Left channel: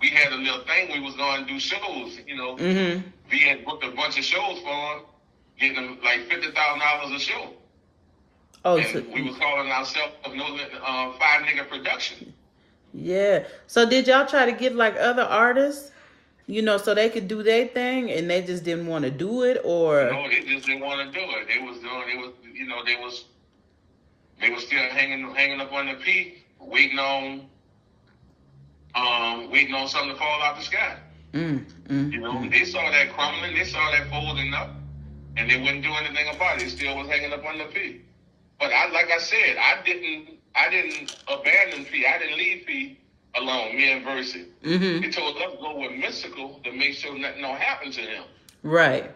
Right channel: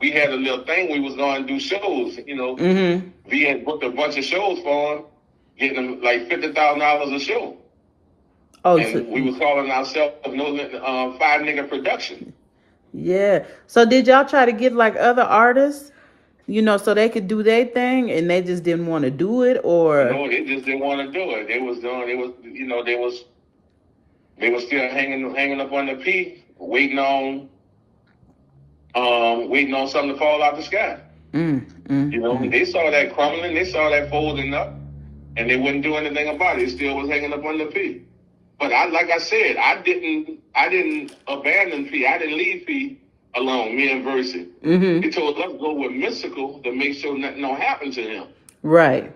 we had a little thing. We was going to do shows. We had booked a bunch of shows for him, getting them like $50,000 a show. Oh, and so, we was calling ourselves Five Nigga Production. Yeah. So did y'all try to get like other artists, so they could do their thing, and they just didn't want to do it, or? No, they just didn't want to do it. They was still hanging up on the P, waiting on something to fall out the sky. They saw that crumbling, they saw that folding up, and they wouldn't do anything about it. It still was hanging up on the P. But like I said, I didn't abandon P. I didn't leave P alone, me and Versi. He told us to go with Mystical to make sure nothing don't happen to him. Right.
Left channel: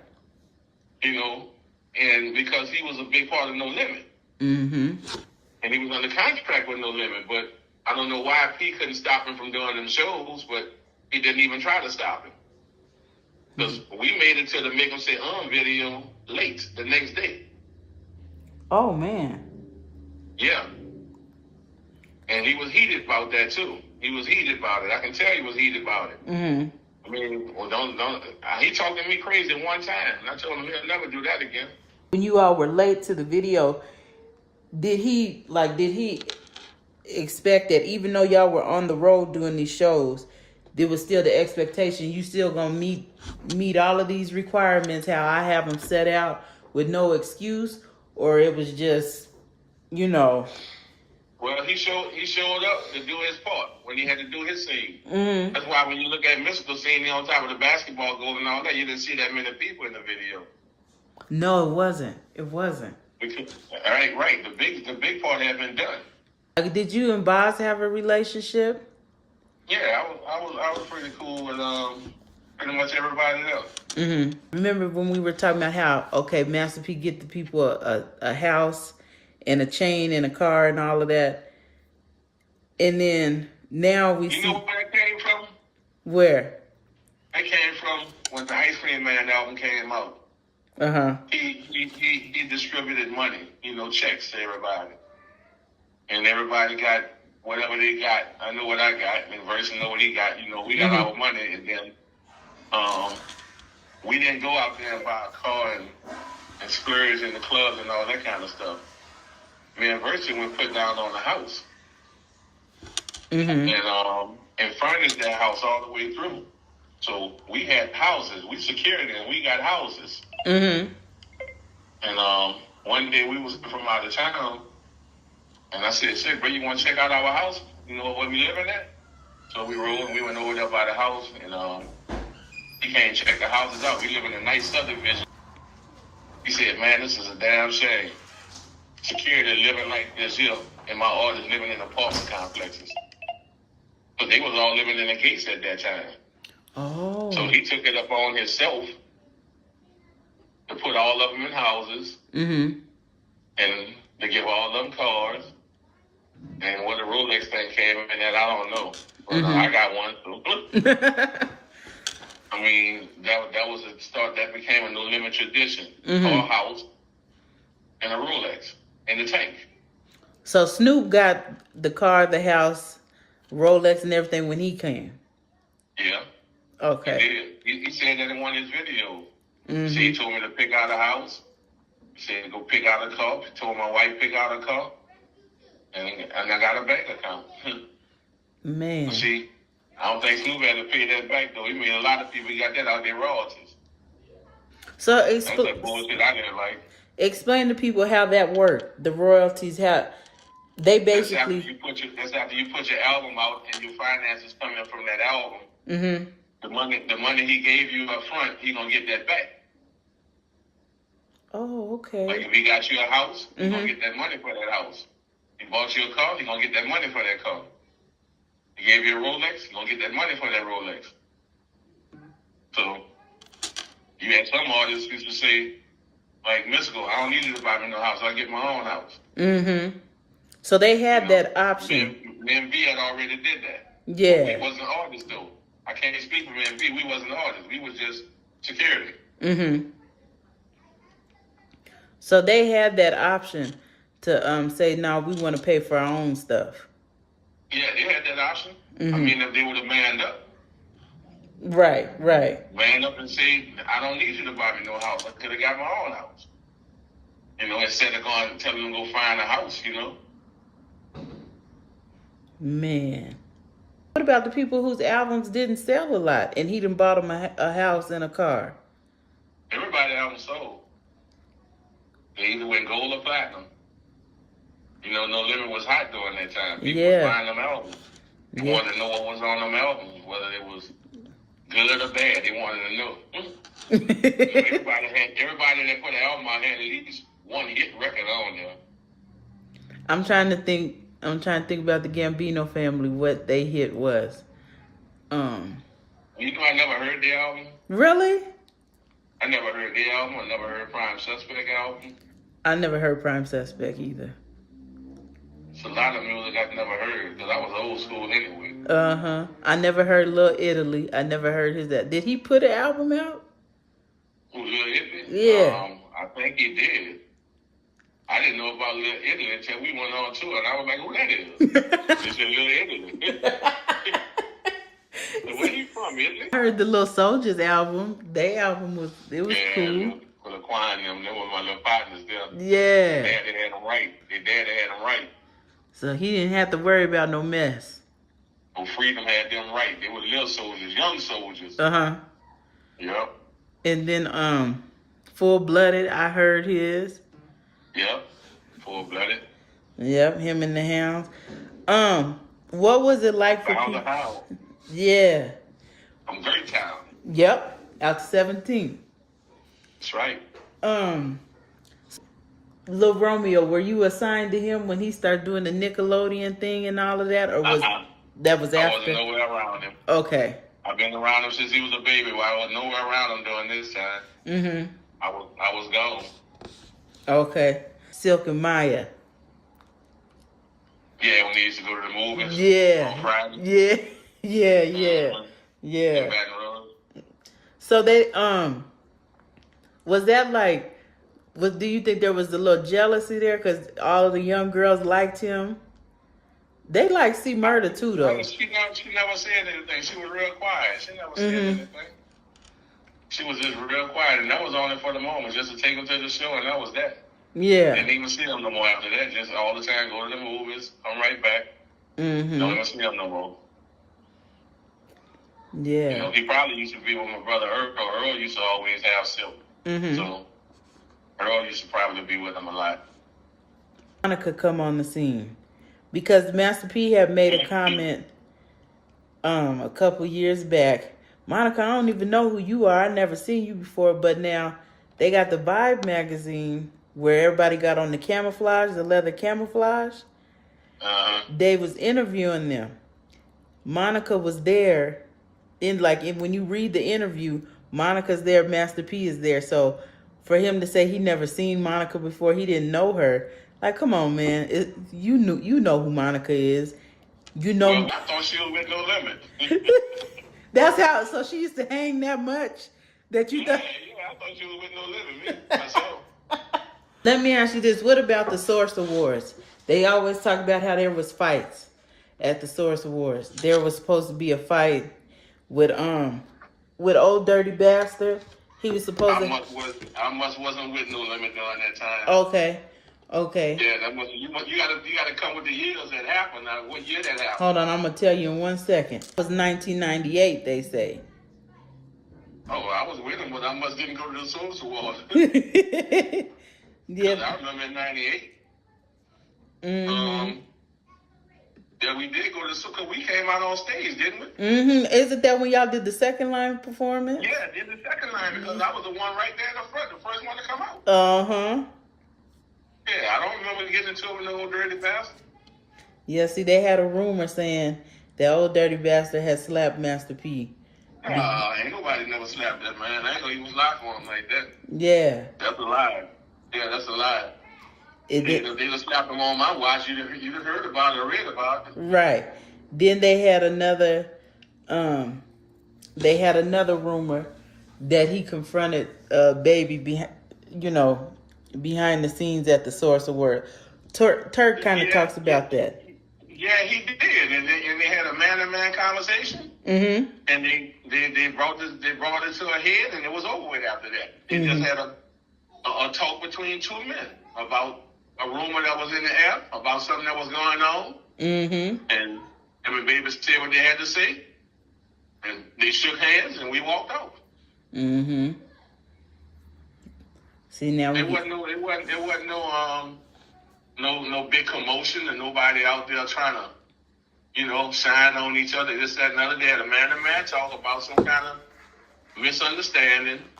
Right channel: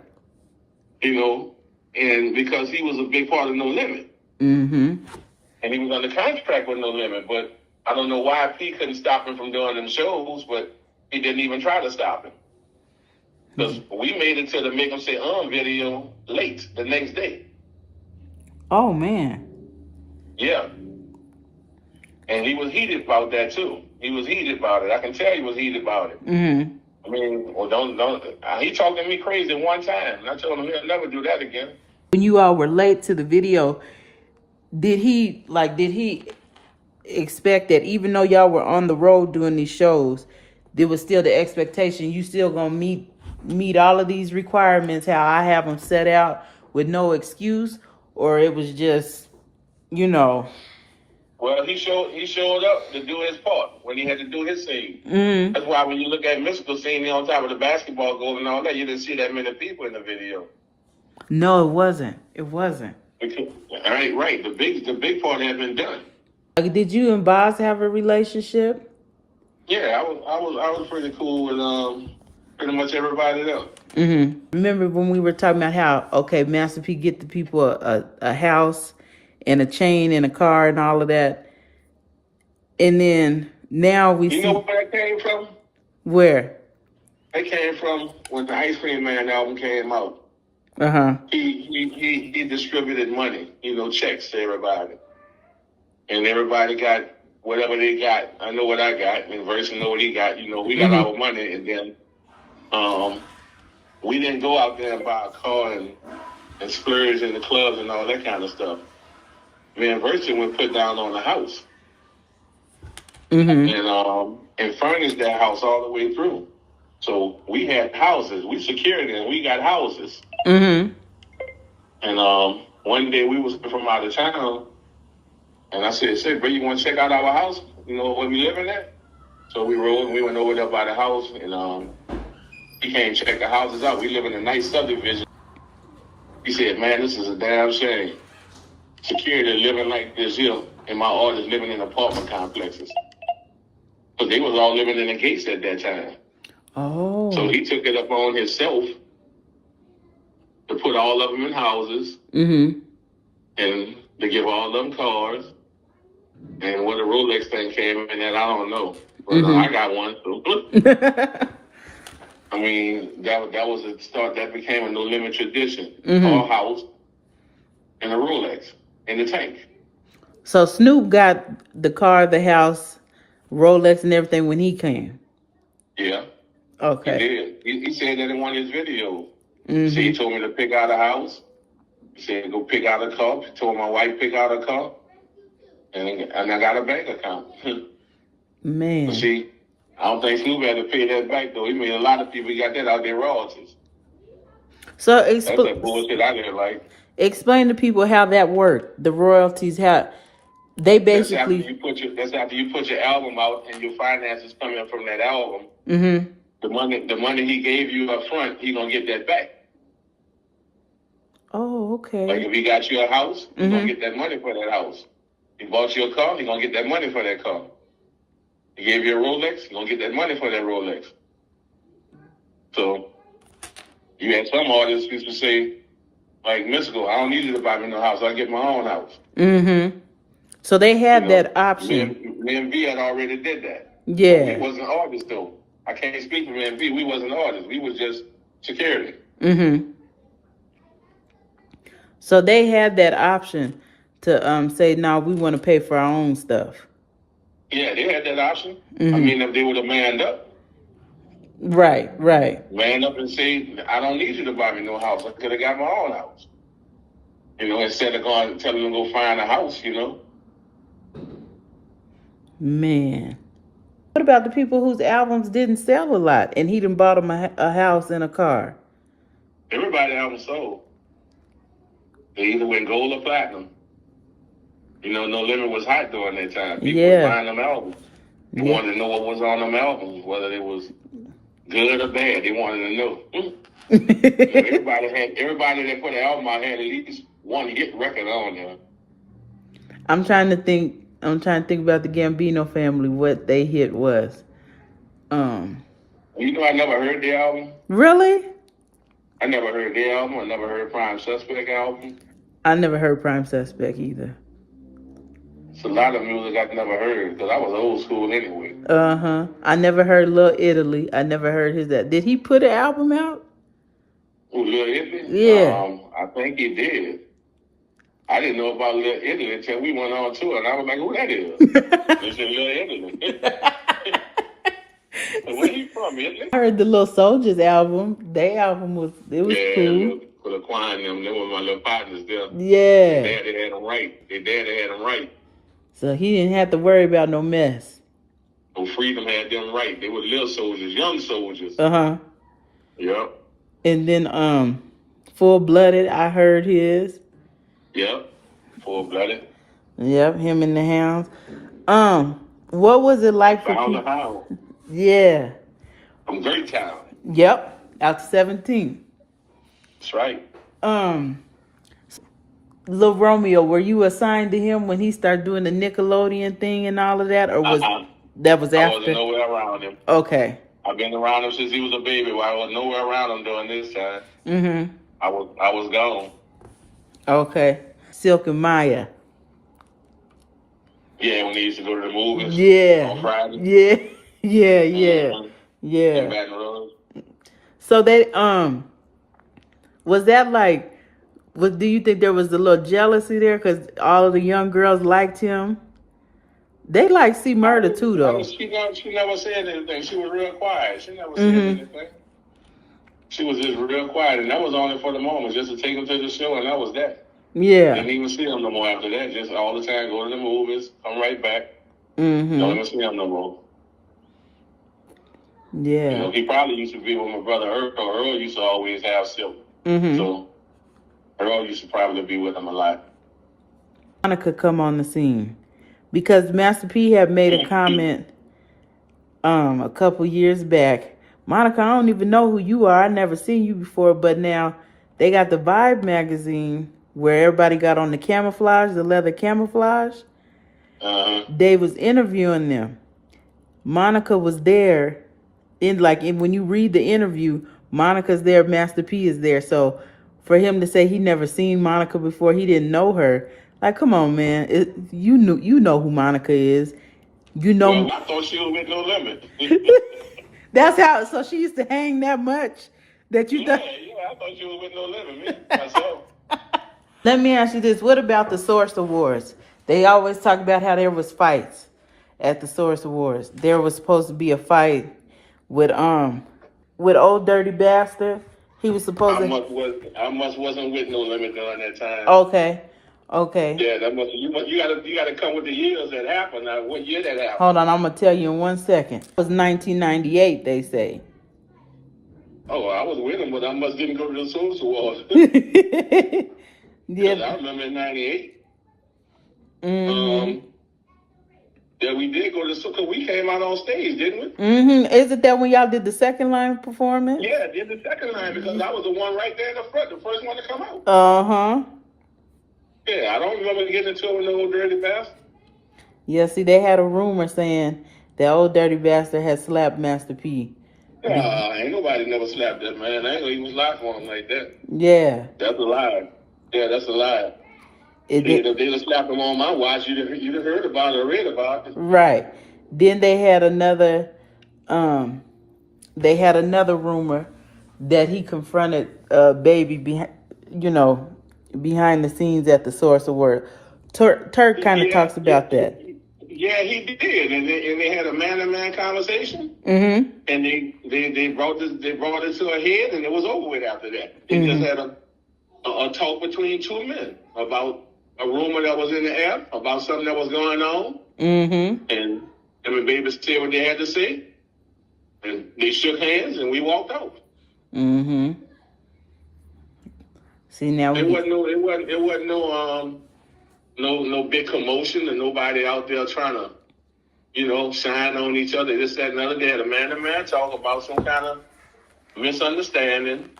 And because he was a big part of No Limit. And he was under contract with No Limit, but I don't know why P couldn't stop him from doing them shows, but he didn't even try to stop him. Because we made it to the Make 'Em Say video late the next day. Oh, man. Yeah. And he was heated about that, too. He was heated about it. I can tell he was heated about it. I mean, well, he talked to me crazy one time, and I told him he'll never do that again. When you all were late to the video, did he expect that even though y'all were on the road doing these shows, there was still the expectation you still gonna meet all of these requirements, how I have them set out with no excuse? Or it was just, Well, he showed up to do his part when he had to do his scene. That's why when you look at Mystical scene on top of the basketball goal and all that, you didn't see that many people in the video. No, it wasn't. It wasn't. Because, right. The big part had been done. Did you and Boz have a relationship? Yeah, I was pretty cool with pretty much everybody else. Remember when we were talking about how, Master P get the people a house and a chain and a car and all of that. And then now we see... You know where that came from? Where? It came from when the Ice Cream Man album came out. He distributed money, checks to everybody. And everybody got whatever they got. I know what I got, and Versa know what he got. We got our money, and then we didn't go out there and buy a car and splurge in the clubs and all that kind of stuff. Me and Versa went put down on the house. And furnished that house all the way through. So we had houses. We secured it, and we got houses. And one day we was from out of town, and I said, bro, you want to check out our house? Where we living at? So we rode, and we went over there by the house, and he came check the houses out. We live in a nice subdivision. He said, man, this is a damn shame. Security living like this here, and my artists living in apartment complexes. But they was all living in the gates at that time. Oh. So he took it upon himself to put all of them in houses and to give all of them cars. And when the Rolex thing came in, that I don't know. But I got one, so. I mean, that was a start. That became a No Limit tradition. Our house and a Rolex in the tank. So Snoop got the car, the house, Rolex, and everything when he came. Yeah. Okay. He did. He said that in one of his videos. So he told me to pick out a house. He said go pick out a car. He told my wife pick out a car. And I got a bank account. Man. But see, I don't think Snoop had to pay that back, though. He made a lot of people got that out their royalties. So that's that bullshit I didn't like. Explain to people how that worked. The royalties, how they basically... That's after you put your album out and your finances coming from that album. The money he gave you up front, he gonna get that back. Oh, okay. Like if he got you a house, he gonna get that money for that house. He bought you a car, he gonna get that money for that car. He gave you a Rolex, he gonna get that money for that Rolex. So you had some artists used to say, like Mystical, I don't need you to buy me no house, I get my own house. So they had that option. Me and V had already did that. Yeah. But we wasn't artists though. I can't speak for me and V. We wasn't artists. We was just security. So they had that option to say, no, we want to pay for our own stuff. Yeah, they had that option. I mean, if they would have manned up. Right, right. Ran up and said, I don't need you to buy me no house. I could have got my own house. You know, instead of going telling them to go find a house, you know. Man. What about the people whose albums didn't sell a lot and he done bought them a house and a car? Everybody album sold. They either went gold or platinum. You know, No Limit was hot during that time. People was buying them albums. They wanted to know what was on them albums, whether it was good or bad. They wanted to know. You know, everybody that put an album out had at least one hit record on there. I'm trying to think about the Gambino family, what they hit was. You know, I never heard the album. Really? I never heard their album. I never heard Prime Suspect album. I never heard Prime Suspect either. It's a lot of music I've never heard because I was old school anyway. I never heard Lil Italy. I never heard his that. Did he put an album out? Oh, Lil Italy? Yeah. I think he did. I didn't know about Lil Italy until we went on tour, and I was like, who that is? They said Lil Italy. Where he from, Italy? I heard the Little Soldiers album. Their album was cool. For the choir and them were my little partners there. Yeah. Their daddy had them right. Their daddy had them right. So he didn't have to worry about no mess. Oh, Freedom had them right. They were little soldiers, young soldiers. Yep. And then Full Blooded, I heard his. Yep. Full Blooded. Yep, him and the Hounds. What was it like for people? How? Yeah. From Great Town. Yep. Out to 17. That's right. Lil Romeo, were you assigned to him when he started doing the Nickelodeon thing and all of that? Or was that was after? I wasn't nowhere around him. Okay. I've been around him since he was a baby. Well, I was nowhere around him during this time. I was gone. Okay. Silk and Maya. Yeah, when they used to go to the movies. Yeah. On Friday. Yeah. In Baton Rouge. So they was that like? Do you think there was a little jealousy there because all of the young girls liked him? They like C Murder too, though. She never said anything. She was real quiet. She never said anything. She was just real quiet, and that was only for the moment, just to take them to the show, and that was that. Yeah. Didn't even see them no more after that. Just all the time, go to the movies, come right back. Don't even see them no more. Yeah. You know, he probably used to be with my brother Earl. Earl used to always have Silk. So Earl used to probably be with him a lot. Monica come on the scene because Master P had made a comment a couple years back. Monica, I don't even know who you are. I never seen you before, but now they got the Vibe magazine where everybody got on the camouflage, the leather camouflage. They was interviewing them. Monica was there when you read the interview, Monica's there, Master P is there. So for him to say he never seen Monica before, he didn't know her. Like, come on, man. You know who Monica is. You know. Well, I thought she was with No Limit. That's how. So she used to hang that much that you. Yeah, I thought she was with No Limit, me myself. Let me ask you this: what about the Source Awards? They always talk about how there was fights at the Source Awards. There was supposed to be a fight with Old Dirty Bastard. He was supposed to. I must wasn't with No Limit during that time. Okay. Yeah, that must. You gotta come with the years that happened. Now, what year that happened? Hold on, I'm gonna tell you in 1 second. It was 1998. They say. Oh, I was with him, but I must didn't go to the Source Awards. Yeah. I remember in '98. Yeah, we did go to because we came out on stage, didn't we? Isn't that when y'all did the second line performance? Yeah, did the second line because I was the one right there in the front, the first one to come out. Yeah, I don't remember getting into it with no Old Dirty Bastard. Yeah, see, they had a rumor saying that Old Dirty Bastard had slapped Master P. Ain't nobody never slapped that man. I ain't gonna even lie for him like that. Yeah. That's a lie. Yeah, that's a lie. If they'd have slapped him on my watch, you'd have heard about it or read about it. Right. Then they had another rumor that he confronted Baby behind the scenes at the Source Award. Turk kind of talks about that. Yeah, he did. And they had a man-to-man conversation? Mm-hmm. And they brought it to a head, and it was over with after that. They just had a talk between two men about a rumor that was in the air, about something that was going on. Mm-hmm. And him and Baby said what they had to say, and they shook hands, and we walked out. Mm-hmm. See, now It wasn't no big commotion, and nobody out there trying to, shine on each other. This, that, and the other. They had a man-to-man talk about some kind of misunderstanding,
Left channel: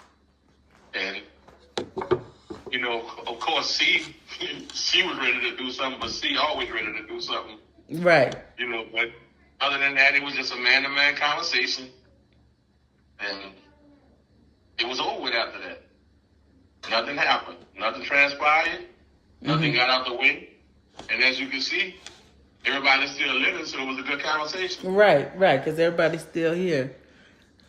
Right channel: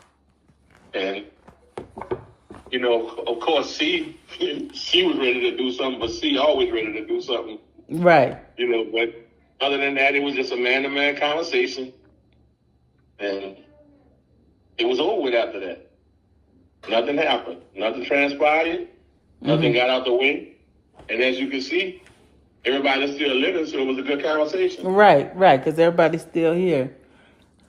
and of course, she was ready to do something, but she always ready to do something. Right. But other than that, it was just a man-to-man conversation, and it was over with after that. Nothing happened. Nothing transpired. Nothing got out the way. And as you can see, everybody's still living, so it was a good conversation. Right, because everybody's still here.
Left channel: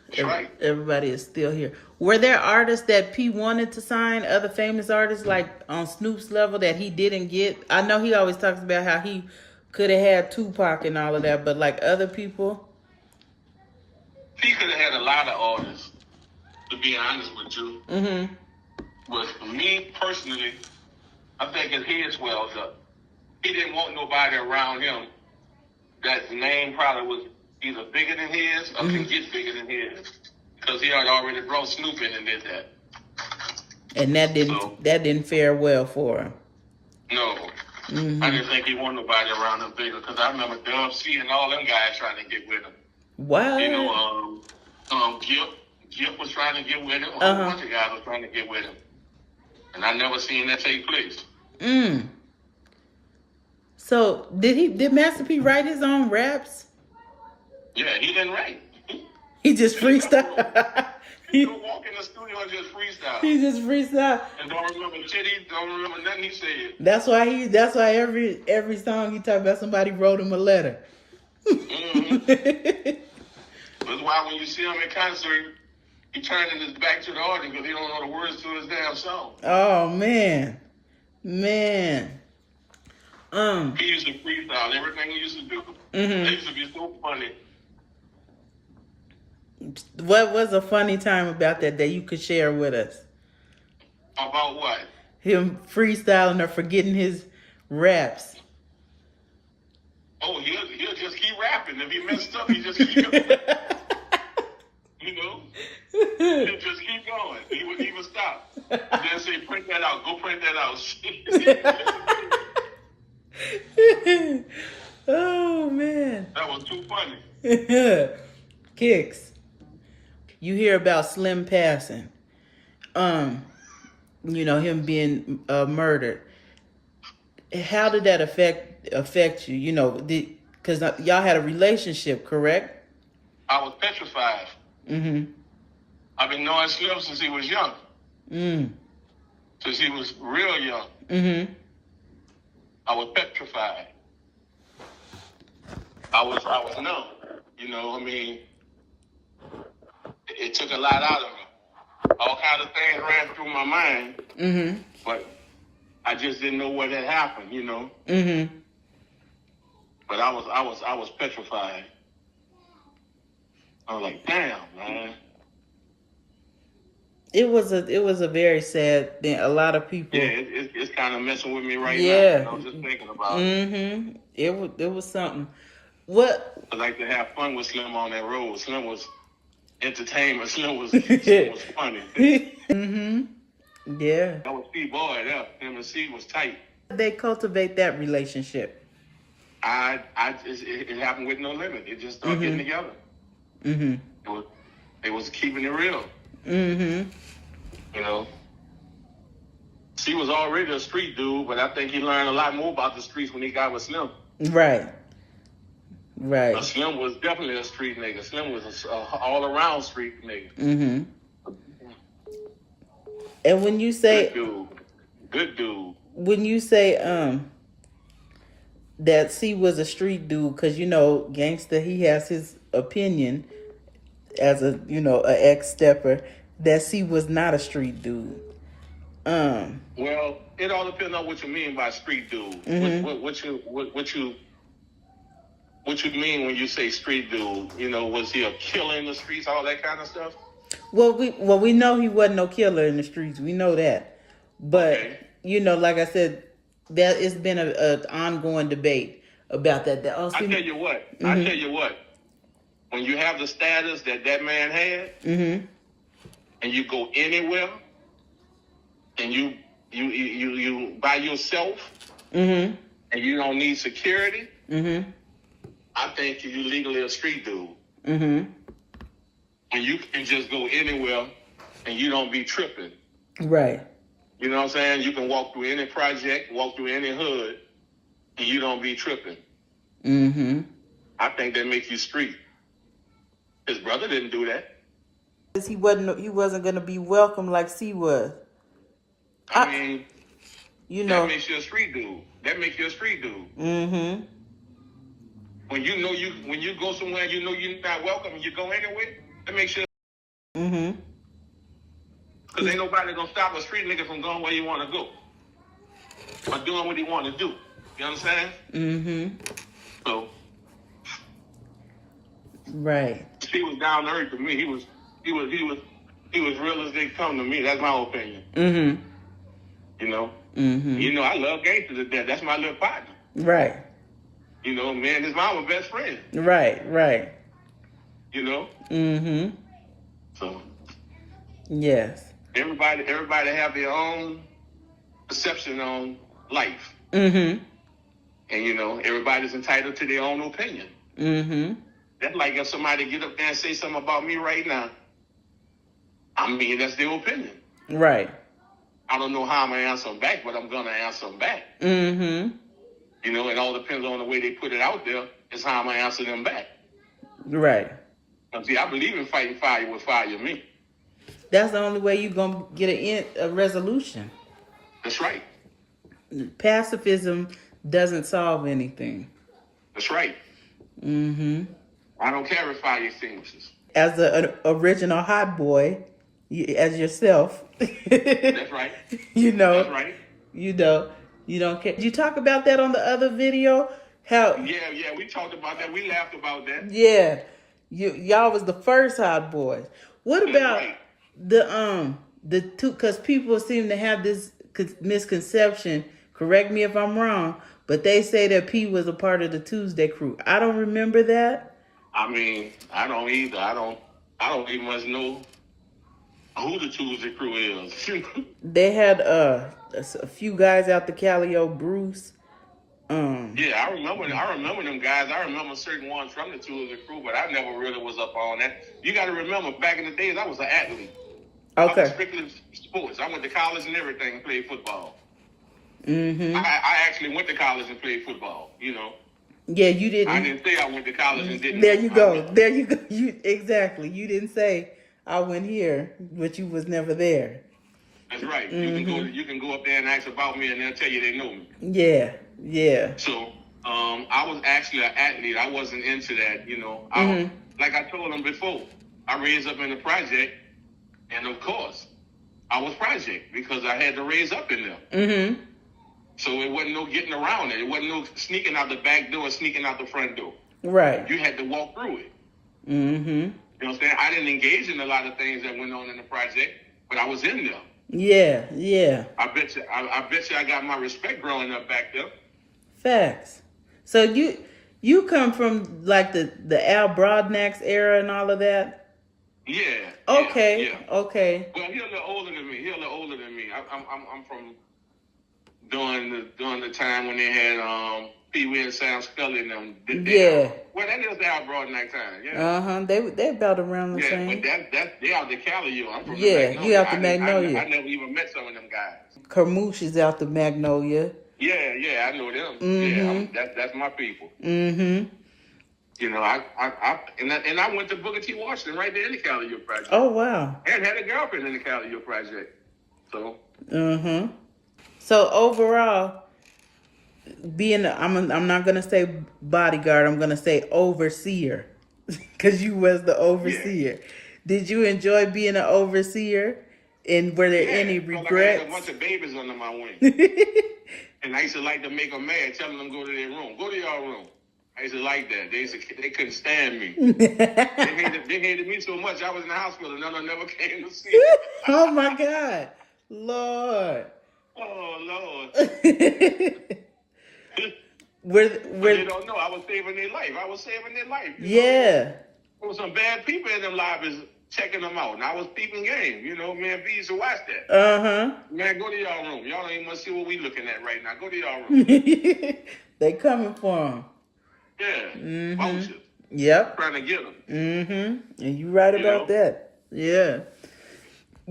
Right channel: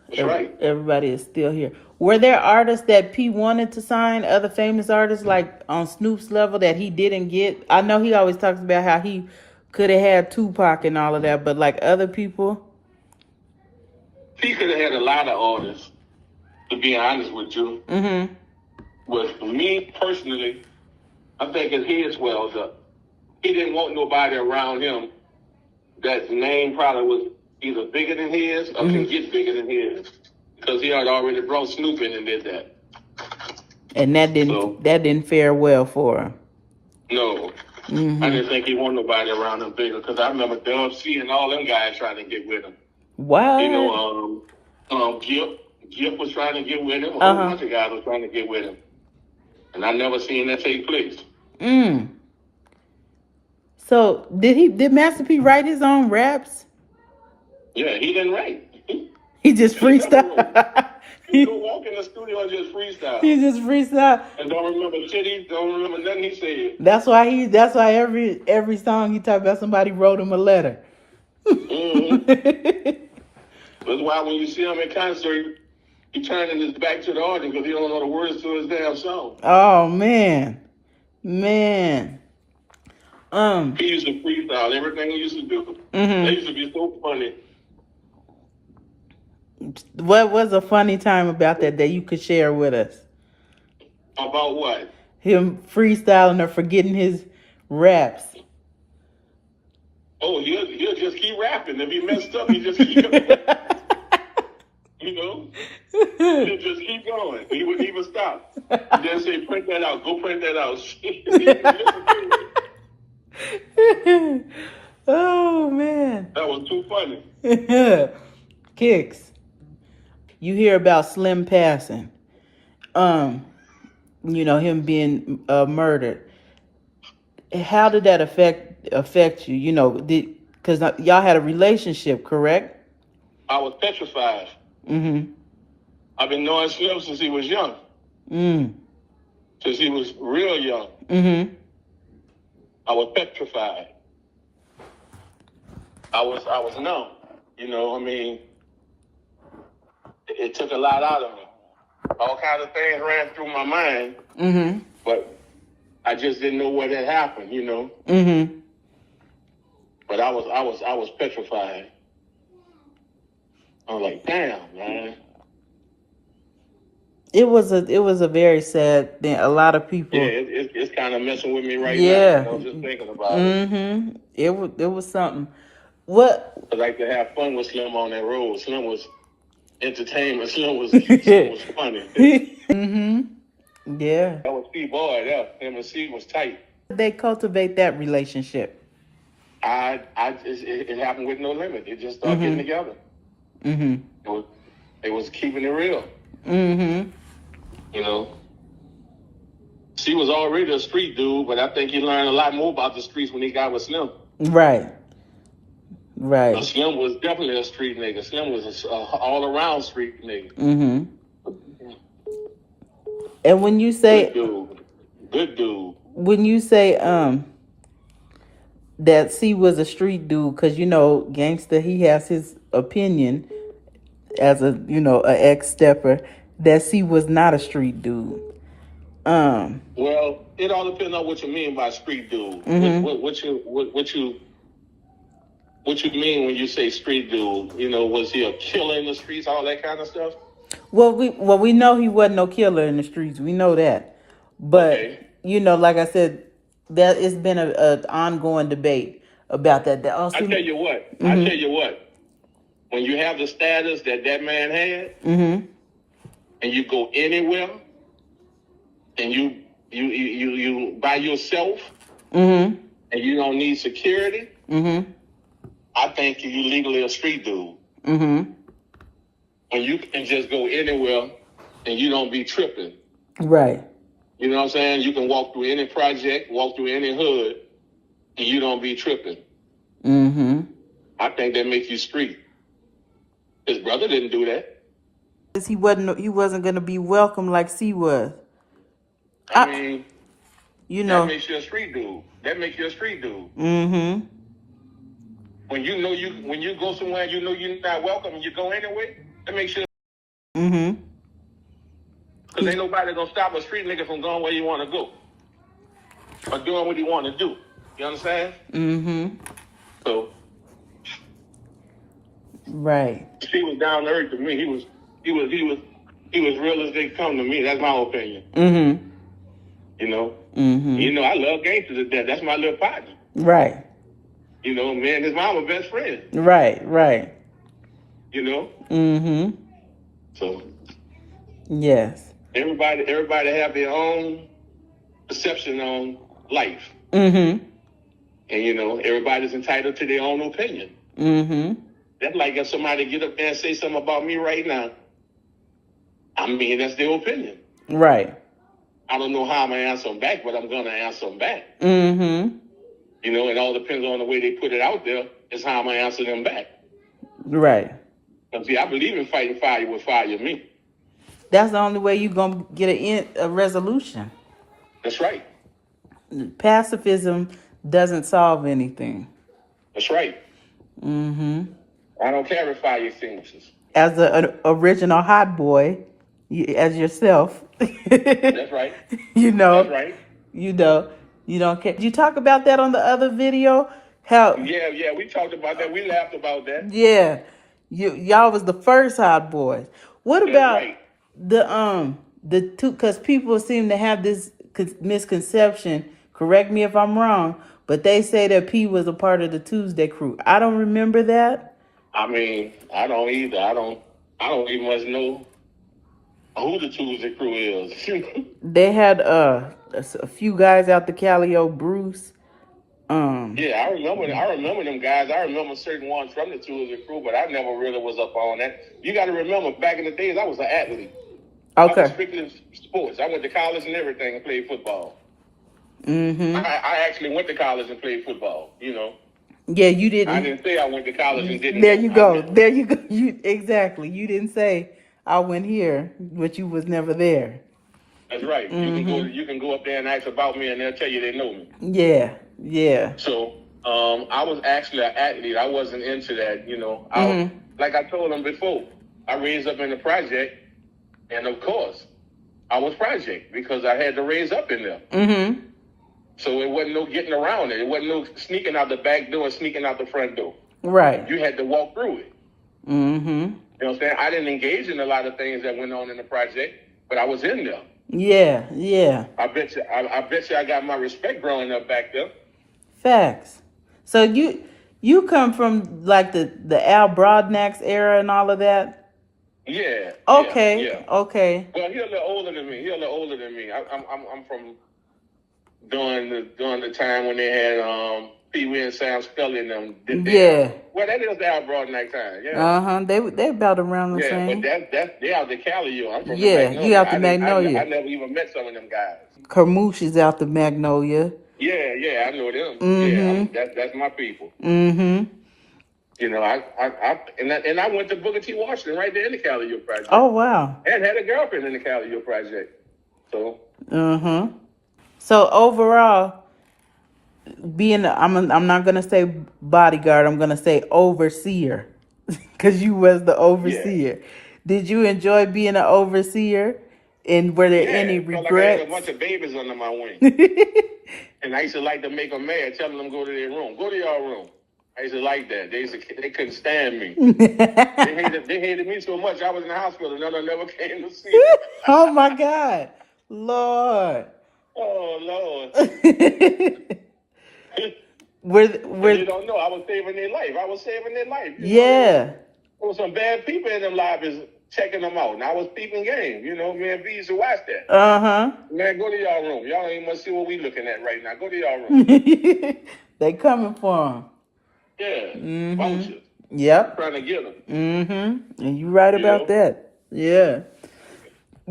That's right. Everybody is still here. Were there artists that P wanted to sign, other famous artists, like on Snoop's level, that he didn't get? I know he always talks about how he could have had Tupac and all of that, but like other people? P could have had a lot of artists, to be honest with you. Mm-hmm. With me personally, I think his head swells up. He didn't want nobody around him that name probably was either bigger than his or can get bigger than his, because he had already brought Snoop in and did that. And that didn't fare well for him. No. I didn't think he wanted nobody around him bigger, because I remember Dub C and all them guys trying to get with him. Wow. Gip was trying to get with him. A whole bunch of guys were trying to get with him. And I never seen that take place. So did Master P write his own raps? Yeah, he didn't write. He just freestyle. He go walk in the studio and just freestyle. He just freestyle. And don't remember shit. He don't remember nothing he said. That's why every song he talk about somebody wrote him a letter. That's why when you see him in concert, he turning his back to the audience because he don't know the words to his damn song. Oh man. He used to freestyle everything he used to do. They used to be so funny. What was a funny time about that you could share with us? About what? Him freestyling or forgetting his raps. Oh, he'll just keep rapping. If he messed up, he just keep going. He'll just keep going. He wouldn't even stop. And then say, print that out. Go print that out. Oh, man. That was too funny. Kicks. You hear about Slim passing. Him being murdered. How did that affect you? Because y'all had a relationship, correct? I was petrified. I've been knowing Slim since he was young. Since he was real young. I was petrified. I was numb. It took a lot out of me. All kinds of things ran through my mind. But I just didn't know what had happened, But I was petrified. I was like, damn, man. It was a very sad thing. A lot of people. Yeah, it's kind of messing with me right now. I was just thinking about it. It was something. What? I like to have fun with Slim on that road. Slim was entertainment. Slim was funny. Yeah. That was P-Boy. Yeah, him and C was tight. They cultivate that relationship. It happened with no limit. It just started getting together. It was keeping it real. C was already a street dude, but I think he learned a lot more about the streets when he got with Slim. Right. Slim was definitely a street nigga. Slim was an all-around street nigga. And when you say good dude. When you say that C was a street dude, because Gangsta, he has his opinion as a an ex-stepper that C was not a street dude. Well, it all depends on what you mean by street dude. What you mean when you say street dude? You know, was he a killer in the streets, all that kind of stuff? Well, we know he wasn't no killer in the streets. We know that, but Okay. you know, like I said, that it's been a ongoing debate about that. I tell you what. I Mm-hmm. tell you what. When you have the status that man had, Mm-hmm. and you go anywhere, and you by yourself, Mm-hmm. and you don't need security, Mm-hmm. I think you legally a street dude. Mm-hmm. When you can just go anywhere, and you don't be tripping. Right. You know what I'm saying? You can walk through any project, walk through any hood, and you don't be tripping. Mm-hmm. I think that makes you street. His brother didn't do that. He wasn't gonna be welcome like C was. I mean, you know, that makes you a street dude. That makes you a street dude. Mm-hmm. When you go somewhere, you know you're not welcome, and you go anyway. That makes you. Mm-hmm. Because ain't nobody gonna stop a street nigga from going where you want to go or doing what he want to do. You understand? Mm-hmm. So, right. he was down to earth to me. He was real as they come to me. That's my opinion. Mm-hmm. You know. Mm-hmm. You know, I love Gangsta to death. That's my little partner. Right. You know, me and his mom were best friends. Right. Right. You know. Mm-hmm. So. Yes. Everybody have their own perception on life. Mm-hmm. And, you know, everybody's entitled to their own opinion. Mm-hmm. That's like if somebody get up there and say something about me right now. I mean, that's their opinion. Right. I don't know how I'm going to answer them back, but I'm going to answer them back. Mm-hmm. You know, it all depends on the way they put it out there is how I'm going to answer them back. Right. Because, see, I believe in fighting fire with fire me. That's the only way you're going to get a resolution. That's right. Pacifism doesn't solve anything. That's right. Mm-hmm. I don't care if fire extinguishes. As an original hot boy, as yourself. That's right. You know. That's right. You know. You don't care. Did you talk about that on the other video? How? Yeah, we talked about that. We laughed about that. Yeah. Y'all was the first hot boys. What about right. the two? Because people seem to have this misconception. Correct me if I'm wrong, but they say that P was a part of the Tuesday crew. I don't remember that. I mean, I don't either. I don't even much know who the Tuesday crew is. They had a few guys out the Calio, Bruce. Yeah, I remember them guys. I remember certain ones from the Tuesday crew, but I never really was up on that. You got to remember, back in the days, I was an athlete. Okay. I was strictly sports. I went to college and everything and played football. Mm-hmm. I actually went to college and played football, you know. Yeah, you didn't. I didn't say I went to college and didn't. There you go. There you go. Exactly. You didn't say I went here, but you was never there. That's right. Mm-hmm. You can go up there and ask about me, and they'll tell you they know me. Yeah. Yeah. So I was actually an athlete. I wasn't into that, you know. Like I told them before, I raised up in the project, and of course, I was project because I had to raise up in there. Mm-hmm. So it wasn't no getting around it. It wasn't no sneaking out the back door and sneaking out the front door. Right. You had to walk through it. Mm-hmm. You know what I'm saying? I didn't engage in a lot of things that went on in the project, but I was in there. Yeah, yeah. I bet you I got my respect growing up back there. Facts. So you come from like the Al Broadnax era and all of that? Yeah. Okay. Yeah. Okay. Well, he's a little older than me. I'm from during the time when they had Pee Wee and Sam Scully and them. Yeah. Well, that is the Al Broadnax time. Yeah. Uh-huh. They about around the same. Yeah, but they out the Cali. I'm from the Yeah, Magnolia. you out the Magnolia. I never even met some of them guys. Carmouche is out the Magnolia. Yeah, I know them. Mm-hmm. Yeah, that's my people. Mm-hmm. You know, I went to Booker T. Washington right there in the Cali Project. Oh wow. And had a girlfriend in the Cali Project. So. Mm-hmm. So overall, I'm not gonna say bodyguard. I'm gonna say overseer, because you was the overseer. Yeah. Did you enjoy being an overseer? And were there any regrets? Like I had a bunch of babies under my wing. And I used to like to make them mad, telling them go to their room. Go to your room. I used to like that. They couldn't stand me. They hated me so much. I was in the hospital and none of them never came to see me. Oh my God, Lord. Oh Lord. But they don't know I was saving their life. You know, there was some bad people in them lobbies checking them out. And I was peeping game. You know, me and V used to watch that. Man, go to y'all room. Y'all don't even want to see what we looking at right now. Go to y'all room. They coming for him. Yeah. Vultures. Yep. Trying to get them. And you right about that. Yeah.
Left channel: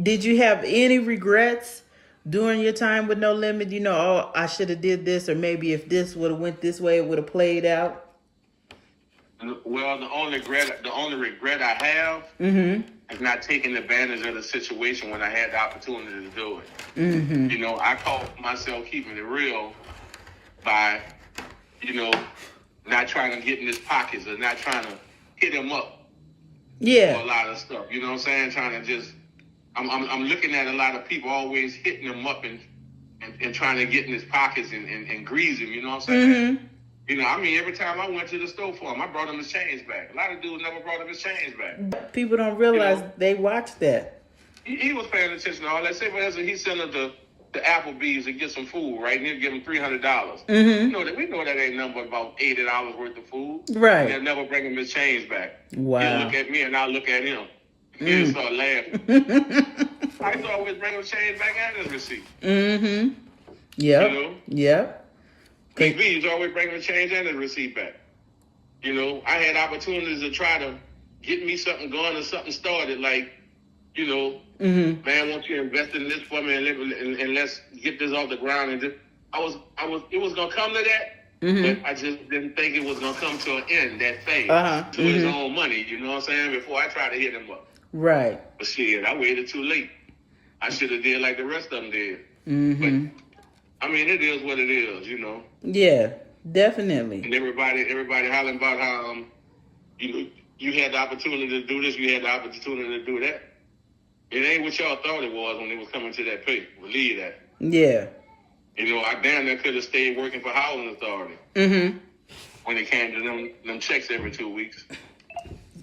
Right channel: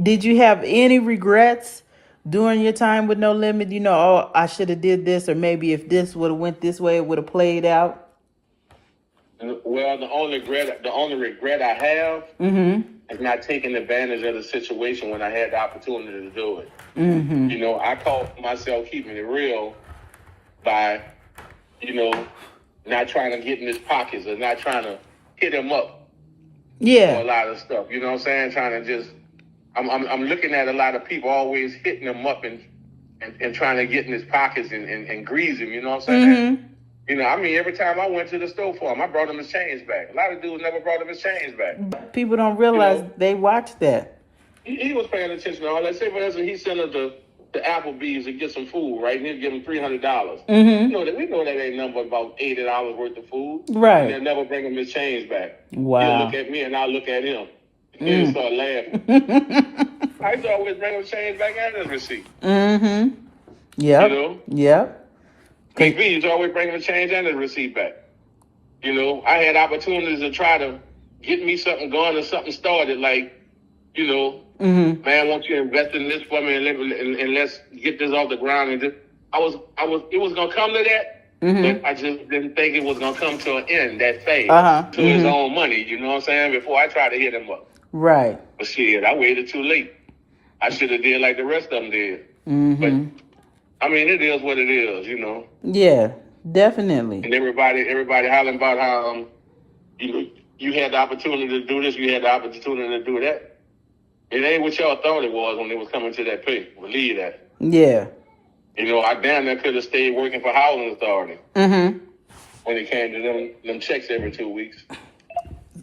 Did you have any regrets during your time with No Limit? You know, oh, I should have did this, or maybe if this would have went this way, it would have played out. Well, the only regret I have is not taking advantage of the situation when I had the opportunity to do it. You know, I caught myself keeping it real by, you know, not trying to get in his pockets or not trying to hit him up for a lot of stuff. You know what I'm saying? Trying to just, I'm looking at a lot of people always hitting him up and trying to get in his pockets and grease him. You know what I'm saying? You know, I mean, every time I went to the store for him, I brought him his change back. A lot of dudes never brought him his change back. People don't realize they watch that. He was paying attention to all that. Say, for instance, he sent us to Applebee's to get some food, right? And he'll give him $300. We know that ain't nothing but about $80 worth of food. Right. And they'll never bring him his change back. Wow. He'll look at me and I'll look at him. He'll start laughing. I used to always bring him change back and his receipt. Yep. You know? Yep. Big V used to always bring him the change and his receipt back. You know, I had opportunities to try to get me something going or something started, like, you know, man, I want you to invest in this for me and let's get this off the ground. And it was gonna come to that, but I just didn't think it was gonna come to an end that fast to his own money. You know what I'm saying? Before I tried to hit him up, right? But shit, I waited too late. I should have did like the rest of them did. But I mean, it is what it is, you know. Yeah, definitely. And everybody hollering about how you had the opportunity to do this, you had the opportunity to do that. It ain't what y'all thought it was when they was coming to that pay. Believe that. Yeah. You know, I damn near could have stayed working for Housing Authority. When it came to them checks every 2 weeks.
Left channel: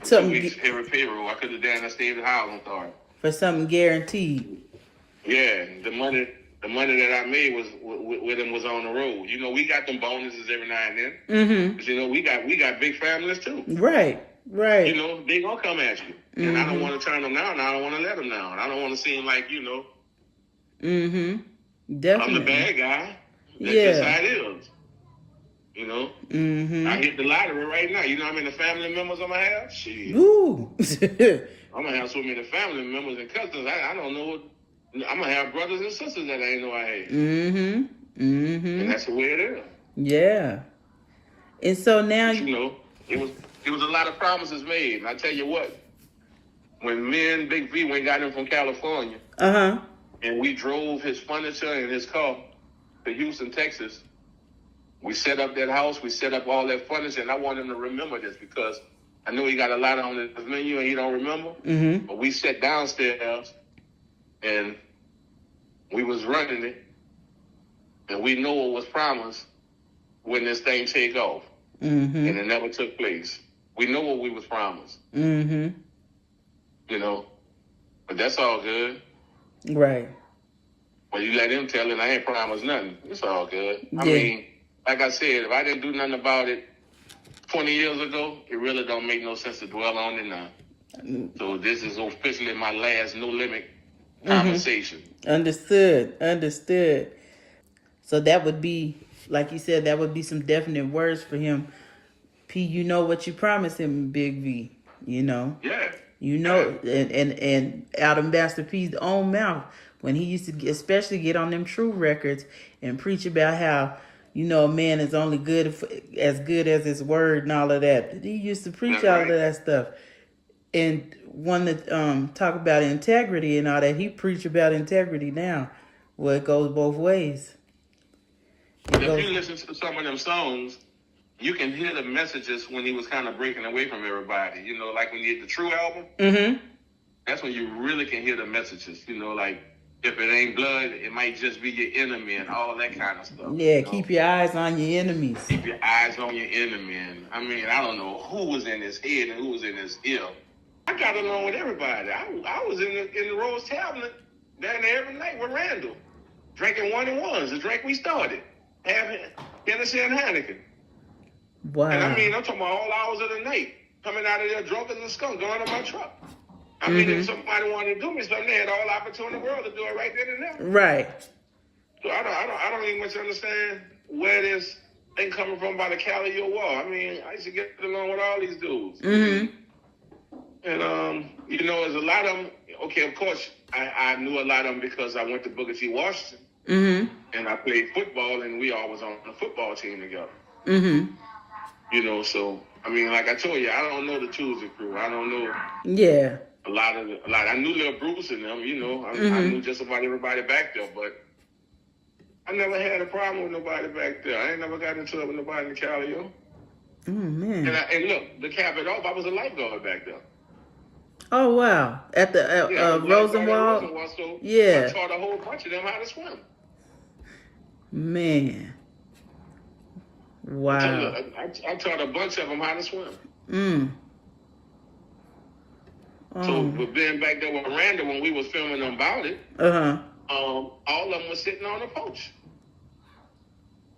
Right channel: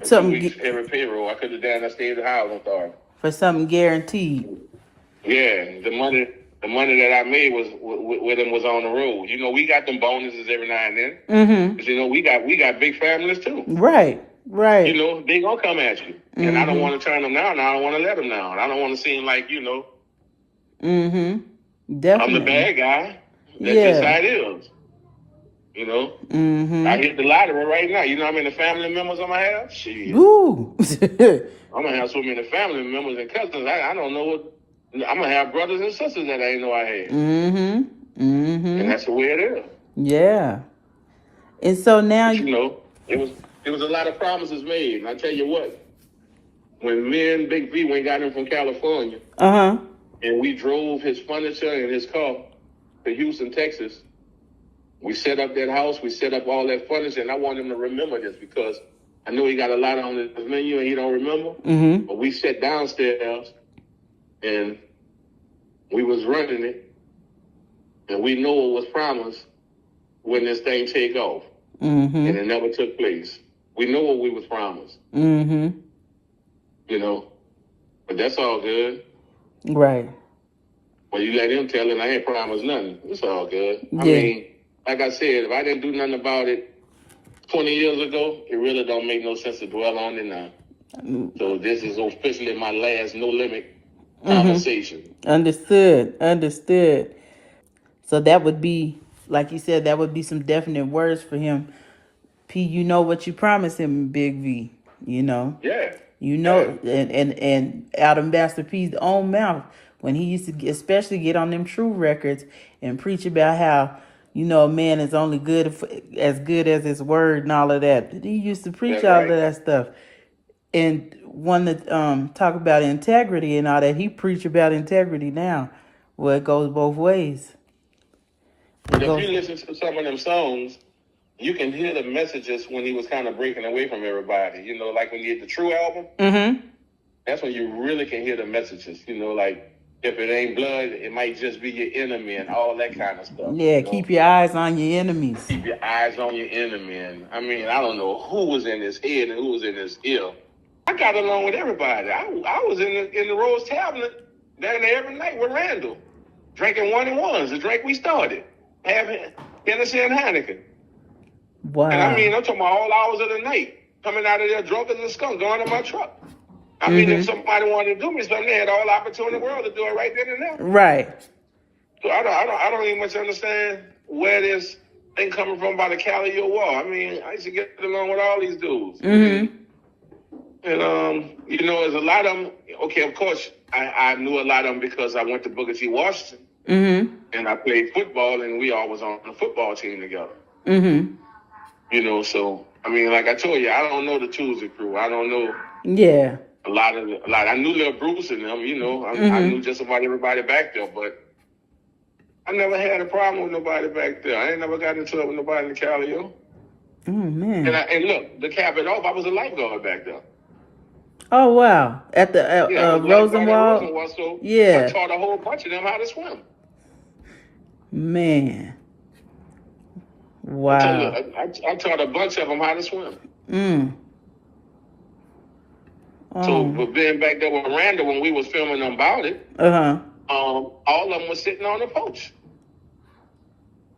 2 weeks every payroll. I could have damn near stayed at Housing Authority. For something guaranteed. Yeah, the money that I made was with them was on the road. You know, we got them bonuses every now and then. But you know, we got big families too. Right. You know, they gonna come at you. And I don't want to turn them down. And I don't want to let them down. I don't want to seem like, you know, Definitely. I'm the bad guy. That's just how it is. You know? I hit the lottery right now. You know how many family members I'm going to have? Shit. Woo. I'm going to have so many family members and cousins. I don't know what. I'm going to have brothers and sisters that I didn't know I had. And that's the way it is. Yeah. And so now... But, you know, it was a lot of promises made. And I tell you what, when me and Big V went got him from California, and we drove his furniture and his car to Houston, Texas, we set up that house, we set up all that furniture, and I want him to remember this because I know he got a lot on his menu and he don't remember. But we sat downstairs and we was running it, and we know it was promised when this thing take off. And it never took place. We know what we was promised. You know, but that's all good. Right. Well, you let him tell him I ain't promised nothing. It's all good. I mean, like I said, if I didn't do nothing about it 20 years ago, it really don't make no sense to dwell on it now. So this is officially my last No Limit conversation. Understood. So that would be, like you said, that would be some definite words for him. P, you know what you promised him, Big V, you know? Yeah. You know, and out of Master P's own mouth, when he used to especially get on them True records and preach about how, you know, a man is only as good as his word and all of that. He used to preach all of that stuff. And one that talk about integrity and all that, he preach about integrity now. Well, it goes both ways. If you listen to some of them songs, you can hear the messages when he was kind of breaking away from everybody. You know, like when you get the True album, that's when you really can hear the messages. You know, like if it ain't blood, it might just be your enemy and all that kind of stuff. Yeah, you know? keep your eyes on your enemies. Keep your eyes on your enemy. And I mean, I don't know who was in his head and who was in his ear. I got along with everybody. I was in the Rose Tavern down there every night with Randall, drinking 1-and-1s, the drink we started, having Hennessy and Heineken. Wow. And I mean, I'm talking about all hours of the night, coming out of there drunk as a skunk, going to my truck. I mean, if somebody wanted to do me something, they had all the opportunity in the world to do it right then and there. Right. So I don't even much understand where this thing coming from by the Cali or wall. I mean, I used to get along with all these dudes. And you know, there's a lot of them. Okay, of course, I knew a lot of them because I went to Booker T. Washington, and I played football, and we all was on the football team together. You know, so I mean, like I told you, I don't know the Tuesday crew. I don't know. Yeah. A lot. I knew Lil Bruce and them. You know, I knew just about everybody back there, but I never had a problem with nobody back there. I ain't never got into it with nobody in the Cali. Oh man. And look, to cap it off, I was a lifeguard back there. Oh wow! At the Rosenwald. So yeah. I taught a whole bunch of them how to swim. Man. Wow. I taught a bunch of them how to swim. Oh. So, but being back there with Randall when we was filming about it, all of them was sitting on the porch.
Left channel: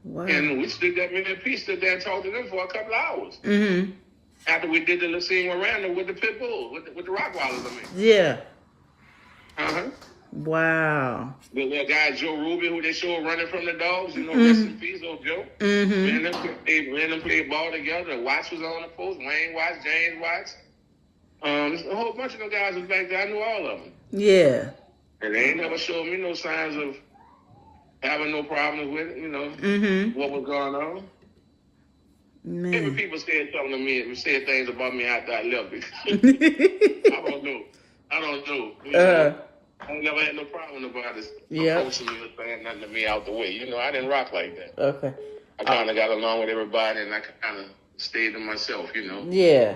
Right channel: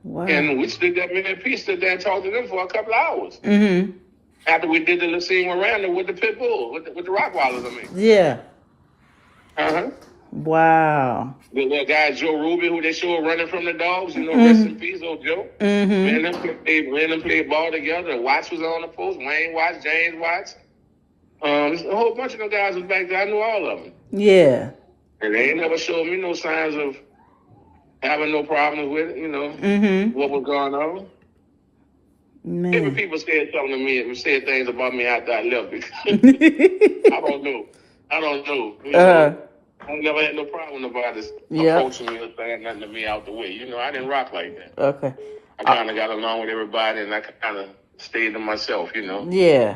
Wow. And we stood there, me and Pete stood there and talked to them for a couple of hours. After we did the little scene with Randall with the pit bull, with the Rockwallers, I mean. Yeah. Wow. The little guy, Joe Ruby, who they showed running from the dogs, you know, rest in peace, old Joe. Me and them played ball together. Watts was on the post, Wayne Watts, James Watts. A whole bunch of them guys was back there. I knew all of them. Yeah. And they ain't never showed me no signs of having no problems with it, you know, what was going on. Man. Even people said something to me and said things about me after I left because I don't know. You know, I never had no problem about this approaching me or saying nothing to me out the way. You know, I didn't rock like that. Okay. I kind of got along with everybody and I kind of stayed to myself, you know. Yeah.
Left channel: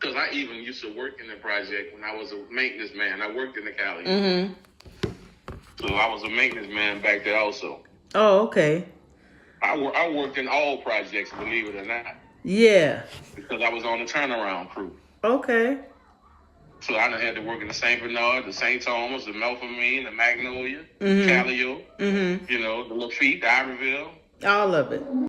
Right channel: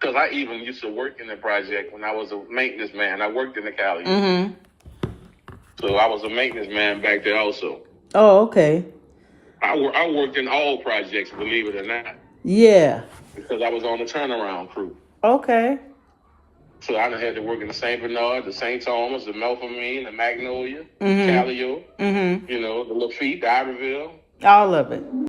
Because I even used to work in the project when I was a maintenance man. I worked in the Cali. So I was a maintenance man back there also. Oh, okay. I worked in all projects, believe it or not. Yeah. Because I was on the turnaround crew. Okay. So I done had to work in the St. Bernard, the St. Thomas, the Melpomene, the Magnolia, Calio, you know, the Lafitte, the Iberville. All of it.